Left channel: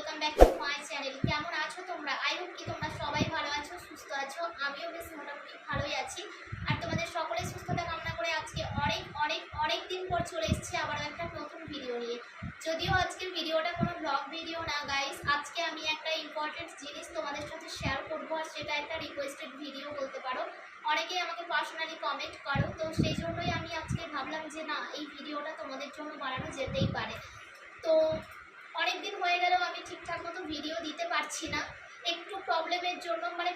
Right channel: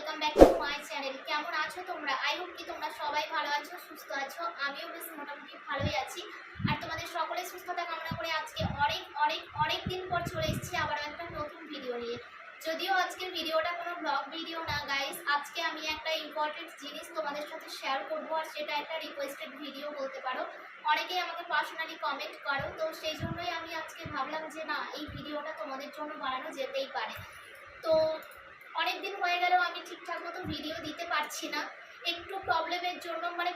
Welcome back to my channel. কেমন আছো তোমরা? আই হোপ কি তোমরা সবাই ভালো আছো, সুস্থ আছো। আমিও বেশ মোটামুটি ভালোই আছি। আর তোমাদের সকলের সুস্থতা কামনা করে আজকে অনেক দিন পর চলে এসেছি আবার একটা নতুন ভিডিও নিয়ে। যদিও আজকের ভিডিওটা কোনো ব্লগ ভিডিও না গাইস, আজকে আমি একটা ইম্পর্টেন্ট জিনিস তোমাদের সাথে শেয়ার করবো, আর সেটা একটা রিকোয়েস্টেড ভিডিও বলতে পারো। অনেকেই আমাকে পার্সোনালি কমেন্ট করো, তো সেই জন্যই আমি আজকে ভাবলাম যে না, এই ভিডিওটা তোমাদের জন্য বানানো যেতেই পারে। তো অনেক দিন হয়ে গেলেও আমি ঠিকঠাক মতো ভিডিও দিতে পারছি না, একটু প্রবলেমের জন্য। মানে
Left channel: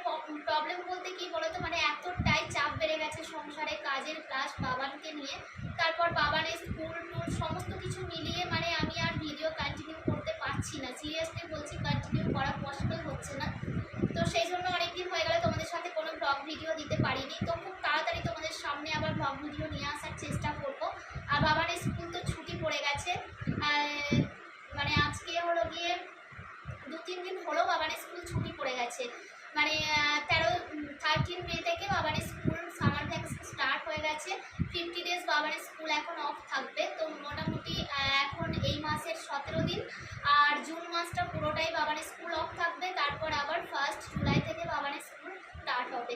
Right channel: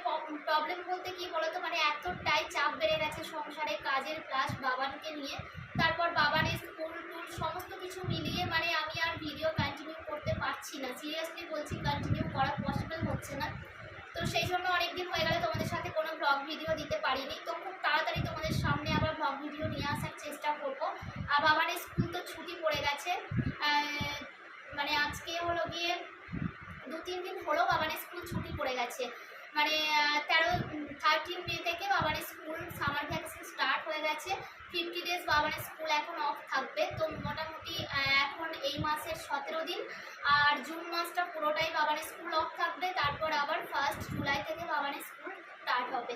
প্রবলেম বলতে কি বলতো, মানে এতটাই চাপ বেড়ে গেছে সংসারে, কাজের প্লাস বাবানকে নিয়ে, তারপর বাবানের স্কুল টুল সমস্ত কিছু মিলিয়ে মানে আমি আর ভিডিও কন্টিনিউ করতে পারছি না। সিরিয়াসলি বলছি, কন্টিনিউ করা পসিবল হচ্ছে না। তো সেই জন্য অনেকদিন হয়ে গেলে তোমাদের সাথে কোনো ব্লগ ভিডিও দিতে পারিনি। তো খুব তাড়াতাড়ি তোমাদের সামনে আবার ব্লগ ভিডিও নিয়ে আসার চেষ্টা করব। আর বাবানের স্কুল তো ছুটি পড়ে গেছে, মানে আজকে হলো গিয়ে 2-3 দিন হলো বাবানের স্কুল ছুটি পড়ে গেছে। মানে 13 মে থেকে বাবানের স্কুল সামার ভ্যাকেশন স্টার্ট হয়ে গেছে। 50 ডেজ বাবানের স্কুল এখন অফ থাকবে। তো মোটামুটি এখন এই মাসের 17 দিন, আর জুন মাসটা পুরোটাই বাবানের স্কুল অফ থাকবে। তারপর আবার 1 জুলাই থেকে বাবানের স্কুল স্টার্ট হবে।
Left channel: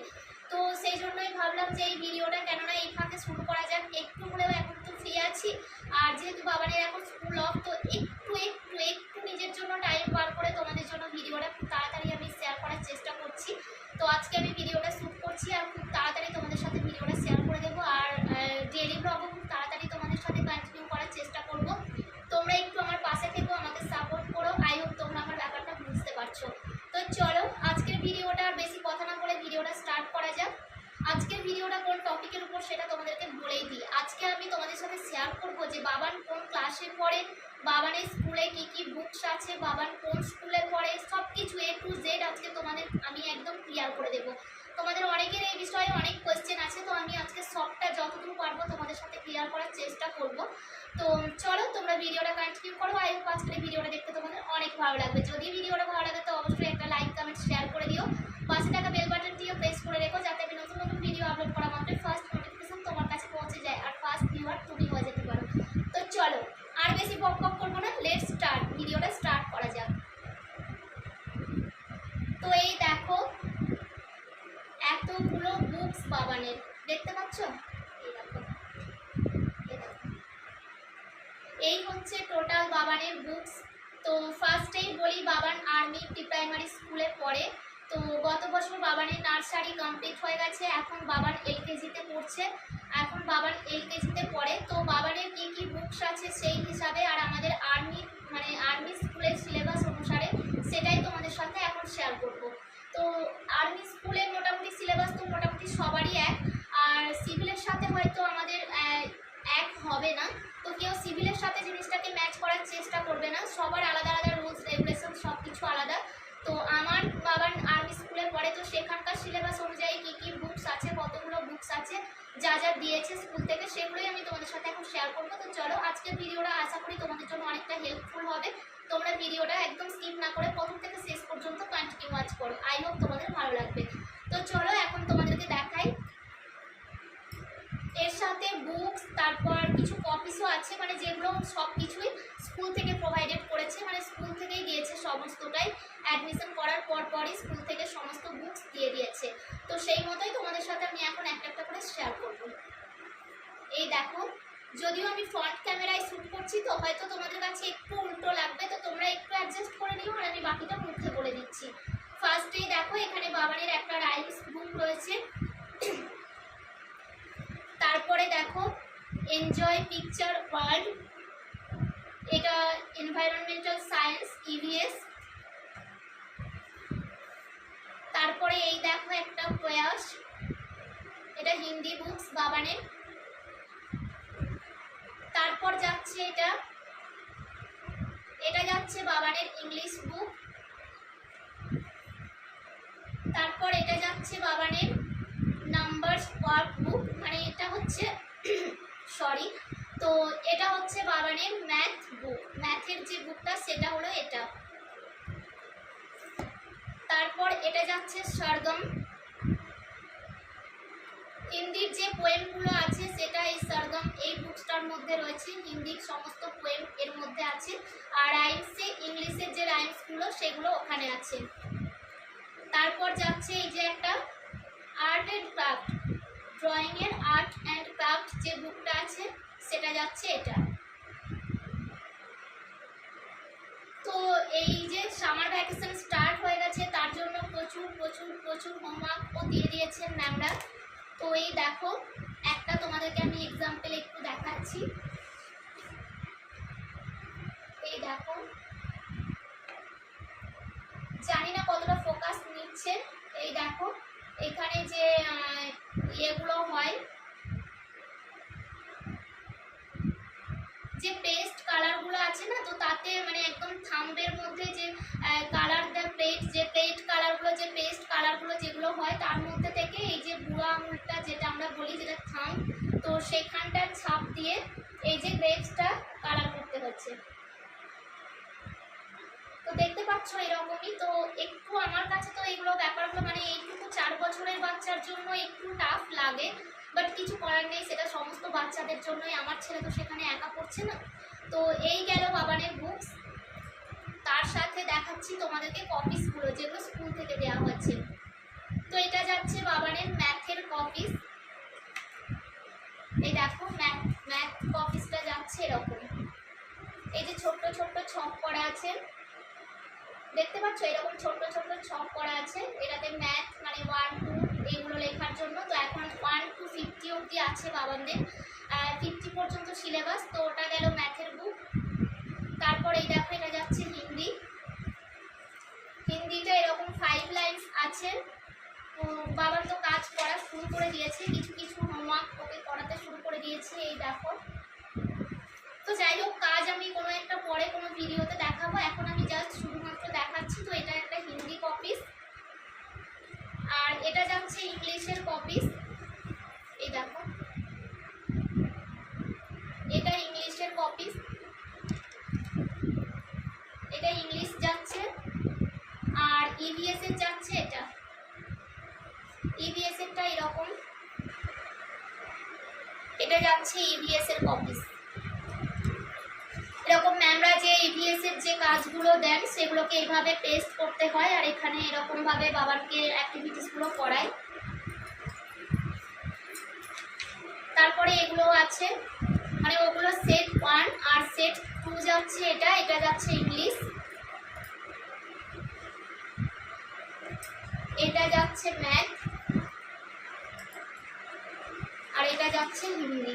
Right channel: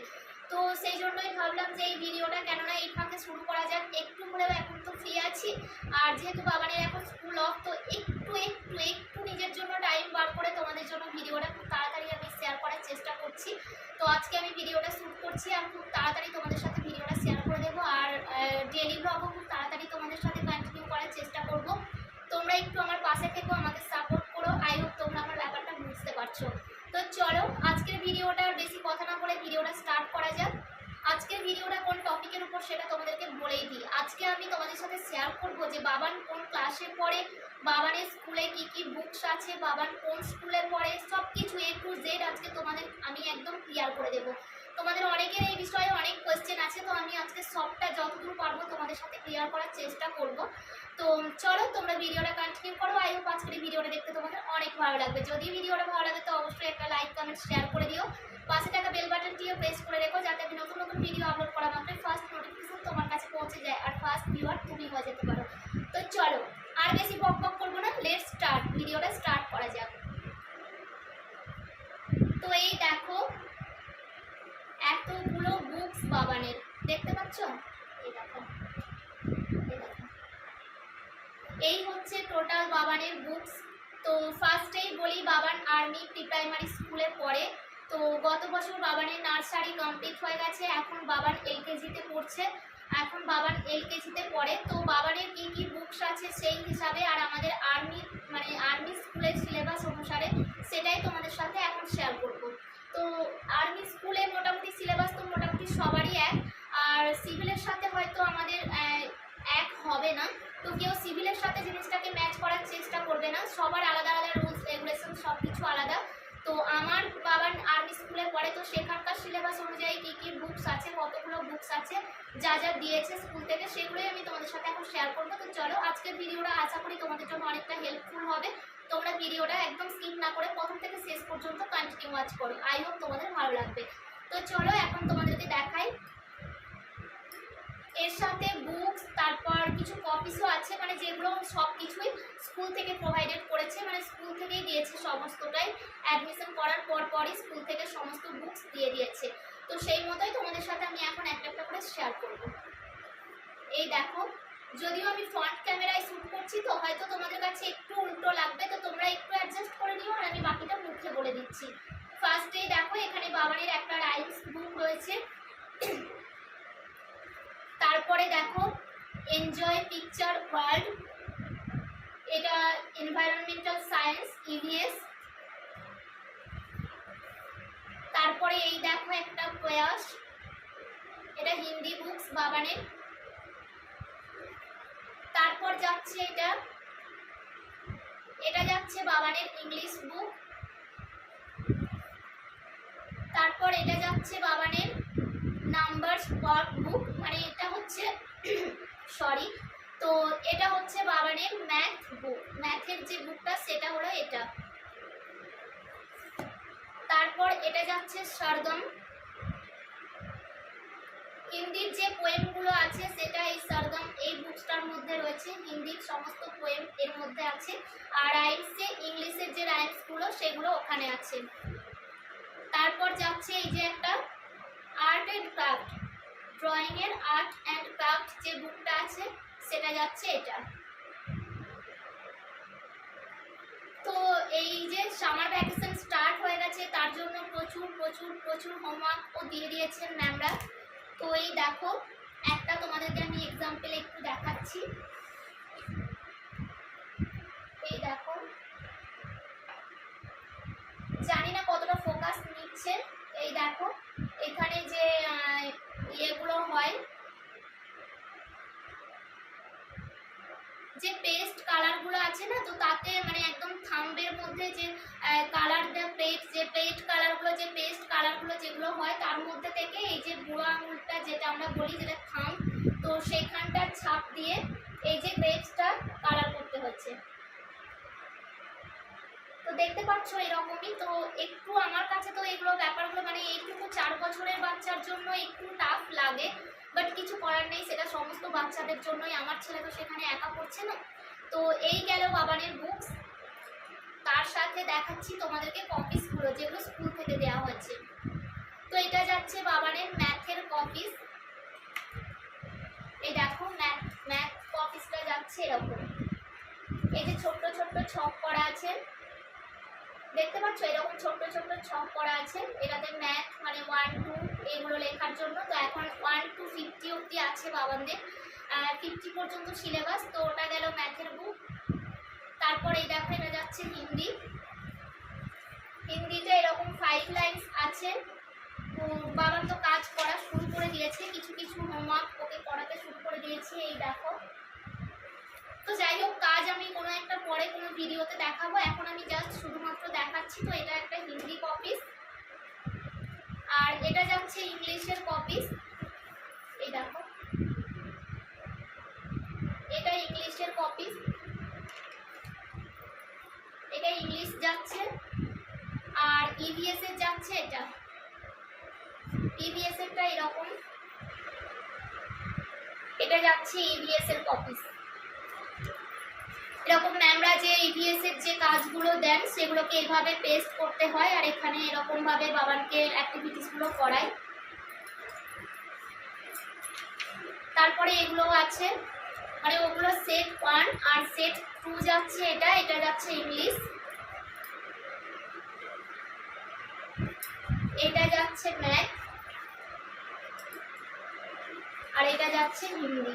তো সেই জন্যই ভাবলাম যে এই ভিডিওটা কেননা এই ফাঁকে শুরু করা যাক, একটু হলেও এখন তো ফ্রি আছি। আর যেহেতু বাবানের এখন স্কুল অফ, তো একটু নিজের জন্য টাইম বার করে তোমাদের জন্য ভিডিওটা খুব তাড়াতাড়ি আমি শেয়ার করার চেষ্টা করছি। তো আজকে আমি ভিডিওটা শ্যুট করছি আর খুব তাড়াতাড়ি তোমাদের সাথে ভিডিওটা শেয়ার করে দেবো। আর ডেইলি ব্লগও খুব তাড়াতাড়ি তোমাদের সাথে কন্টিনিউ করার চেষ্টা করব। তোমরা একটু আমার পাশে থেকো, আমাকে সাপোর্ট করো। আই হোপ তোমরা আমার ব্যাপারটা বুঝতে পারছো। তো চলো আজকের ভিডিওটা বেশি কথা না বলে ভিডিওটা স্টার্ট করা যাক। আজকের ভিডিওটা কোন টপিকের উপর সেটা তোমাদেরকে বলেই দিই। আজকে আমি তোমাদের সাথে শেয়ার করব যে বাবান কোন ক্লাসে পড়ে, বাবানের স্কুলে কি কি বুকস আছে, বাবান কোন স্কুলে পড়ে, সব কিছু A to Z আজকে তোমাদের আমি একদম ক্লিয়ার করে দেবো। তোমাদের অনেকের এই বিষয়ে অনেক কোয়েশ্চেন আছে, তো আমি আজকে সবটা যতদূর পারবো তোমাদের সাথে ক্লিয়ার করার চেষ্টা করব। তো চলো তোমরা ভিডিওটা কন্টিনিউ করো। আই হোপ আজকের এই ভিডিওটা দেখতে তোমাদের অনেক ভালো লাগবে। যদি ভিডিওটা ভালো লাগে তো অবশ্যই একটা লাইক কমেন্ট শেয়ার করে দিও। পাশে থাকা বেল বাটনটিও প্রেস করে রেখো, যাতে আমি নতুন ভিডিও আপলোড করা মাত্রই ফার্স্ট নোটিফিকেশন তোমার কাছে পৌঁছে যায় আর ফার্স্ট ভিউয়ার তুমি হয়ে যেতে পারো। তো চলো আর বেশি বক করবো না, লেটস স্টার্ট, ভিডিওটা স্টার্ট করা যাক। তো এই দেখো এতগুলো বুকস বাবানের, দেখতে পাচ্ছ? এই দেখো এই হচ্ছে টোটাল বাবানের বুকস। তো ফার্স্টেই বলি, বাবান আর্মি প্রি প্রাইমারি স্কুলে পড়ে। তো গত বছর বাবানের নার্সারি কমপ্লিট হয়ে গেছে, এখন বাবান LKG-তে পড়ছে। এখন বাবান LKG-তে পড়ে। তো বাবানের কি কি বুকস আছে সেই হিসাবে আর আমাদের আর্মি স্কুলের সিলেবাস অনুসারে সেটাই তোমাদের সাথে এখন শেয়ার করব। তো আর্মি স্কুলের মোটামুটি সিলেবাস তো মোটামুটি সবারই এক, আর সিভিলের সাথে হয়তো আমাদের এক হবে না। তো কেউ সিভিলের সাথে জিনিসটাকে ম্যাচ করার চেষ্টা করবে না, সবার আলাদা আলাদা রুলস রেগুলেশন সব কিছু আলাদা। তো আমার বাবার আর্মি স্কুলে পড়ে, তো সেখানকার সিলেবাস অনুযায়ী কী কী বুকস আছে, কতগুলো বুকস আছে, যা যা দিয়েছে স্কুল থেকে, সেগুলোই আমি তোমাদের সাথে এখন শেয়ার করবো। তো চলো আজকের ভিডিওটা আশা করি তোমাদের জন্য অনেকটা হেল্পফুল হবে। তোমরা ভিডিওটা একদম স্কিপ না করে প্রথম থেকে শেষ পর্যন্ত কন্টিনিউ ওয়াচ করো। আই হোপ তোমাদের ভালো লাগবে। তো চলো এখন তোমাদেরকে দেখাই। এর সাথে বুকস, তারপর কিছু কপিসও আছে, মানে যেগুলো সব কিছুই স্কুল থেকে প্রোভাইডেড করেছে, মানে স্কুল থেকেই দিয়েছে সমস্তটাই। অ্যাডমিশন করার পরই স্কুল থেকে সমস্ত বুকস দিয়ে দিয়েছে। তো সেই মতোই তোমাদের সাথে আমি এখন একটা একটা করে শেয়ার করব। এই দেখো, যদিও আমি ফ্রন্ট ক্যামেরায় শ্যুট করছি তো হয়তো তোমাদের কাছে একটু উল্টো লাগবে, তো তোমরা একটু অ্যাডজাস্ট করে নিও, আর আমি বাকিটা মুখে বলে দিচ্ছি। ফার্স্টেই দেখো এখানে বাবানের একটা রাইমস বুক রয়েছে। তারপরে দেখো এনজয় পিকচার ওয়ার্ল্ড, এটা এনভায়রনমেন্টাল সায়েন্স EVS। তারপরে এই দেখো একটা প্রয়াস, এটা হিন্দি বুকস বাবানের। তারপর যাচ্ছে এটা যাচ্ছে বাবানের ইংলিশ বুক। তারপর এটা যাচ্ছে বাবানের নাম্বারস ওয়ার্ক বুক, মানে এটা হচ্ছে তো এটা হচ্ছে বাবানের ম্যাথ বুক, ম্যাথের যে বুকটা সেটা হলো এটা। তারপর এটা যাচ্ছে সরগম, হিন্দির যে পোয়েমগুলো আছে সেটা এই সরগম এই বুকসটার মধ্যে রয়েছে, হিন্দির সমস্ত পোয়েম এর মধ্যে মধ্যে আছে। আর রাইমসে ইংলিশের যে রাইমসগুলো সেগুলো ওখানে আছে। তারপর যাচ্ছে এই যে একটা আর্ট অ্যান্ড ক্রাফট, ড্রয়িংয়ের আর্ট অ্যান্ড ক্রাফট যে বুকটা আছে সেটা যাচ্ছে এটা। তো এই যে সামার ভ্যাকেশন স্টার্ট হয়ে গেছে তার জন্য প্রচুর প্রচুর প্রচুর হোমওয়ার্কও দিয়ে দিয়েছেন ম্যামরা। তো এই দেখো একটা তোমাদেরকে আমি এক্সাম্পল একটু দেখাচ্ছি। এই দেখো, জানি না কতটা ফোকাস নিচ্ছে। এই দেখো এখানে যে ইয়েগুলো হয়, যে পেস্ট কালারগুলো আছে না, তো তাতে মানে একদম থাম্বের মধ্যে যে কালার দ্য প্লেট, যে প্লেট কালারগুলো, যে পেস্ট কালারগুলো যেগুলো হয় তার মধ্যে থেকে এই যে বুড়ো আঙুলটা যেটা আমরা বলি যেটা থাম্ব, তো সেখানটার ছাপ দিয়ে এই যে গ্রেপসটা কালার করতে হচ্ছে। তো দেখতে পাচ্ছ এরকমই। তো একটু আমার কাছে তো এগুলো ব্যাপারগুলো মানে এইটুকু 4 বছরের বাচ্চার জন্য একটু টাফ লাগে, বাট কিছু করার নেই, সেটা সমস্ত বাচ্চাদের জন্যই। আমার ছেলে তো সেখানে একা পড়ছে না। তো এই গেল বাবানের বুকস। তার সাথে দেখাচ্ছি তোমাদেরকে কপিসগুলো যেগুলো স্কুল থেকে দেওয়া হয়েছে। তো এটা যাচ্ছে বাবানের ম্যাথের কপিস। এই দেখো ম্যাথ কপিসটা যাচ্ছে এরকম। এই যে ছোট্ট ছোট্ট ছক করা আছে, দেখতে পাচ্ছ এরকম ছোট্ট ছোট্ট ছক করা আছে। এটাতে ম্যাথ মানে 1 2 এইগুলো লেখার জন্য। তো এখন 1 to 50 অবধি আছে বাবানদের, 50 পর্যন্ত সিলেবাস। তো ওটা গেল ম্যাথের বুক। তারপর এই দেখো এটা যাচ্ছে হিন্দি। হিন্দিতে এরকম 5 লাইন্স আছে। তো বাবান তো কাজ করা শুরু করে দিয়েছে, কিছু কিছু হোমওয়ার্ক ওকে করাতে শুরু করে দিয়েছি। এই দেখো, তো যাই হোক কাজ আমি কোনো একটা পরে কোনো ভিডিওতে দেখাবো, এখন আমি জাস্ট শুধুমাত্র দেখাচ্ছি। তো এটা একটা হিন্দি কপিস, আর এটা যাচ্ছে ইংলিশের কপিস। এই দেখো এটা ইংলিশের কপিস, এটা ইংলিশ যাচ্ছে। আর ইভিএস এর যাচ্ছে এটা, ইভিএস এরটা এরকম, এটা যাচ্ছে ইভিএস এর কপিস। এরকম ম্যামরা যে ইভিএস এর যে কাজগুলো দেন সেগুলোকে এইভাবে পেস্ট করতে হয়, আর এখানে এরকম ভাবে বাবানকে অ্যাক্টিভিটিসগুলো করায়। তারপরে এগুলো আছে মানে ওগুলো সেট 1 আর সেট 2 যাচ্ছে। এটা যাচ্ছে ইংলিশ, এটা যাচ্ছে ম্যাথ, আর এটা যাচ্ছে হিন্দি।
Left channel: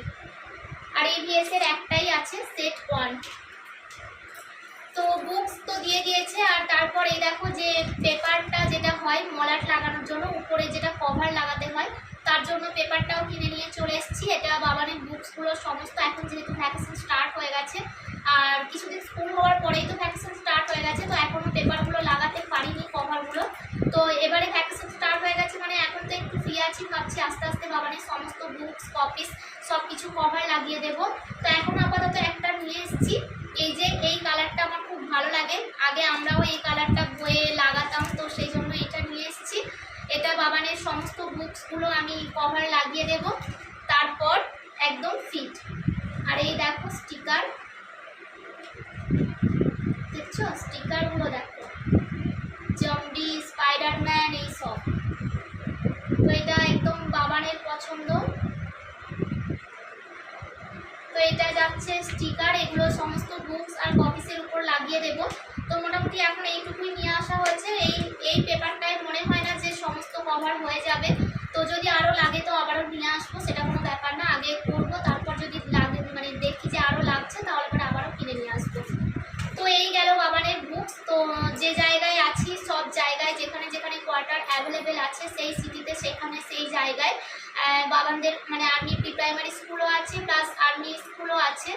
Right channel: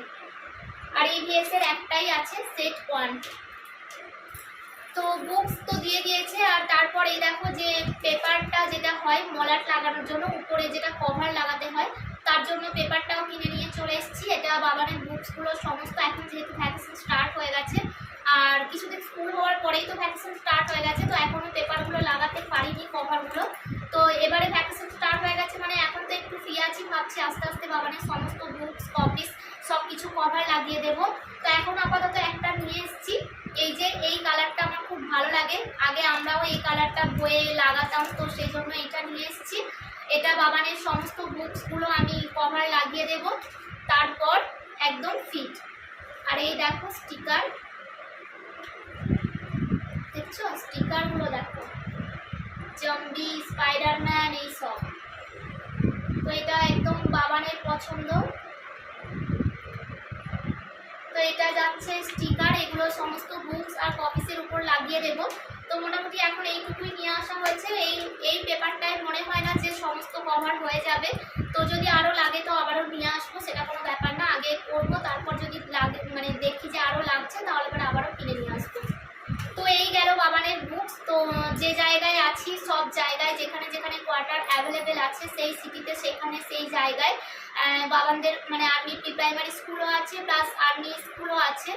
আর ইভিএস এর একটাই আছে সেট 1। তো বুকস তো দিয়ে দিয়েছে। আর তারপর এই দেখো যে পেপারটা যেটা হয় মলাট লাগানোর জন্য, উপরে যেটা কভার লাগাতে হয়, তার জন্য পেপারটাও কিনে নিয়ে চলে এসেছি। এটা বাবানের বুকসগুলো সমস্ত, এখন যেহেতু ভ্যাকেশন স্টার্ট হয়ে গেছে আর কিছুদিন স্কুল হওয়ার পরেই তো ভ্যাকেশন স্টার্ট হয়ে গেছে, তো এখনও পেপারগুলো লাগাতে পারিনি কভারগুলো। তো এবারে ভ্যাকেশন স্টার্ট হয়ে গেছে মানে এখন তো একটু ফ্রি আছি, ভাবছি আস্তে আস্তে বাবানের সমস্ত বুকস কপিস সব কিছু কভার লাগিয়ে দেবো। তো এখন আপাতত একটা নিয়ে এসেছি, এই যে এই কালারটা আমার খুব ভালো লাগে, আগে আমরাও এই কালারটা বইয়ে লাগাতাম, তো সেই জন্য এটা নিয়ে এসেছি। এটা বাবানের সমস্ত বুকসগুলো আমি কভার লাগিয়ে দেব, তারপর একদম ফিট। আর এই দেখো স্টিকার, দেখছো স্টিকারগুলো দেখো, জম্বি, স্পাইডারম্যান এইসব। তো এটা একদম বাবানের পছন্দ। তো এটা যাচ্ছে স্টিকার, এগুলো সমস্ত বুকস আর কপিসের উপর লাগিয়ে দেব। তো মোটামুটি এখন এইটুকুই নিয়ে আসা হয়েছে। এই পেপারটায় মনে হয় না যে সমস্ত কভার হয়ে যাবে, তো যদি আরও লাগে তো আবারও নিয়ে আসবো, সেটা কোনো ব্যাপার না। আগে করবো, তারপর যদি লাগে মানে দেখি যে আরও লাগছে তাহলে পরে আবারও কিনে নিয়ে আসবো। তো এই গেল বাবানের বুকস। তো যে জায়গায় আছি সব জায়গায় যেখানে যেখানে কোয়ার্টার অ্যাভেলেবেল আছে সেই সিটিতে সেখানে সেই জায়গায় বাবানদের মানে আর্মি প্রি প্রাইমারি স্কুলও আছে, প্লাস আর্মি স্কুলও আছে।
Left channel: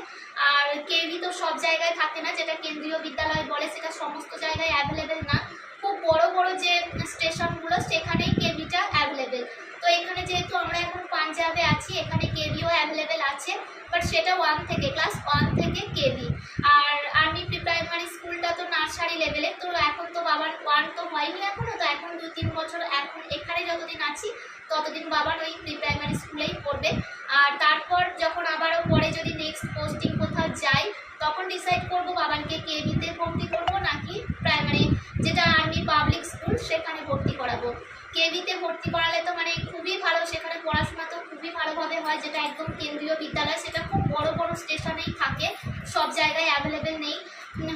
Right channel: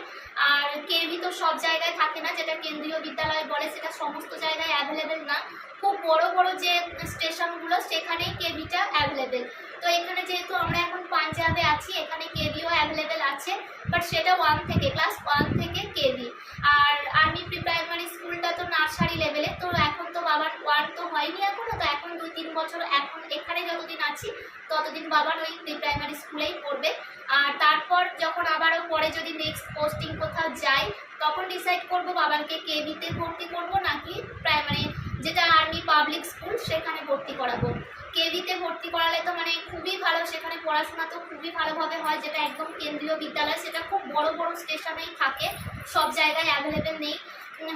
আর কেভি তো সব জায়গায় থাকে না, যেটা কেন্দ্রীয় বিদ্যালয় বলে সেটা সমস্ত জায়গায় অ্যাভেলেবেল না। খুব বড় বড় যে স্টেশনগুলো সেখানেই কেভিটা অ্যাভেলেবেল। তো এখানে যেহেতু আমরা এখন পাঞ্জাবে আছি, এখানে কেভিও অ্যাভেলেবেল আছে, বাট সেটা 1 থেকে ক্লাস 1 থেকে কেভি। আর আর্মি প্রি প্রাইমারি স্কুলটা তো নার্সারি লেভেলে, তো এখন তো বাবার 1 তো হয়নি এখনও, তো এখন 2-3 বছর এখন এখানে যতদিন আছি ততদিন বাবার ওই প্রি প্রাইমারি স্কুলেই পড়বে। আর তারপর যখন আবারও পরে যদি নেক্সট পোস্টিং কোথাও যাই তখন ডিসাইড করব বাবানকে কেভিতে ভর্তি করব নাকি প্রাইমারি যেটা আর্মি পাবলিক স্কুল সেখানে ভর্তি করাবো। কেভিতে ভর্তি করালে তো মানে খুবই ভালো, সেখানে পড়াশোনা তো খুবই ভালোভাবে হয়, যেটা একদম কেন্দ্রীয় বিদ্যালয়, সেটা খুব বড় বড় স্টেশনেই থাকে, সব জায়গায় অ্যাভেলেবেল নেই।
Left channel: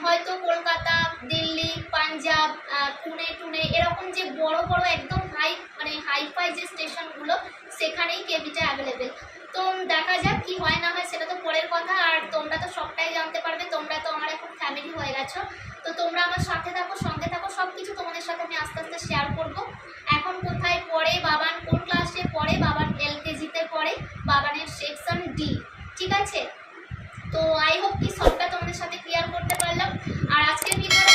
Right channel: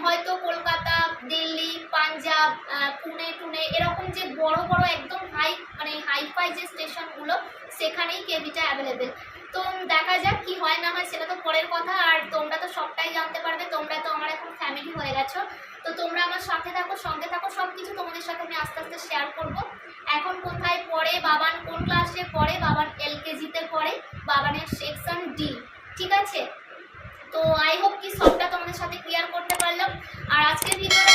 হয়তো কলকাতা, দিল্লি, পাঞ্জাব, পুনে টুনে এরকম যে বড় বড় একদম হাইফাই যে স্টেশনগুলো সেখানেই কেভিটা অ্যাভেলেবেল। তো দেখা যাক কি হয় না হয়, সেটা তো পরের কথা। আর তোমরা তো সবটাই জানতে পারবে, তোমরা তো আমার এখন ফ্যামিলি হয়ে গেছো, তো তোমরা আমার সাথে থাকো, সঙ্গে থাকো, সব কিছু তোমাদের সাথে আমি আস্তে আস্তে শেয়ার করব। এখন কোথায় পড়ে বাবান, কোন ক্লাসে পড়ে বাবান, LKG-তে পড়ে, বাবানের সেকশন ডি, ঠিক আছে। তো আই হোপ কি সবটা তোমাদের সাথে ক্লিয়ার করতে পারলাম। আর আজকের ভিডিওটা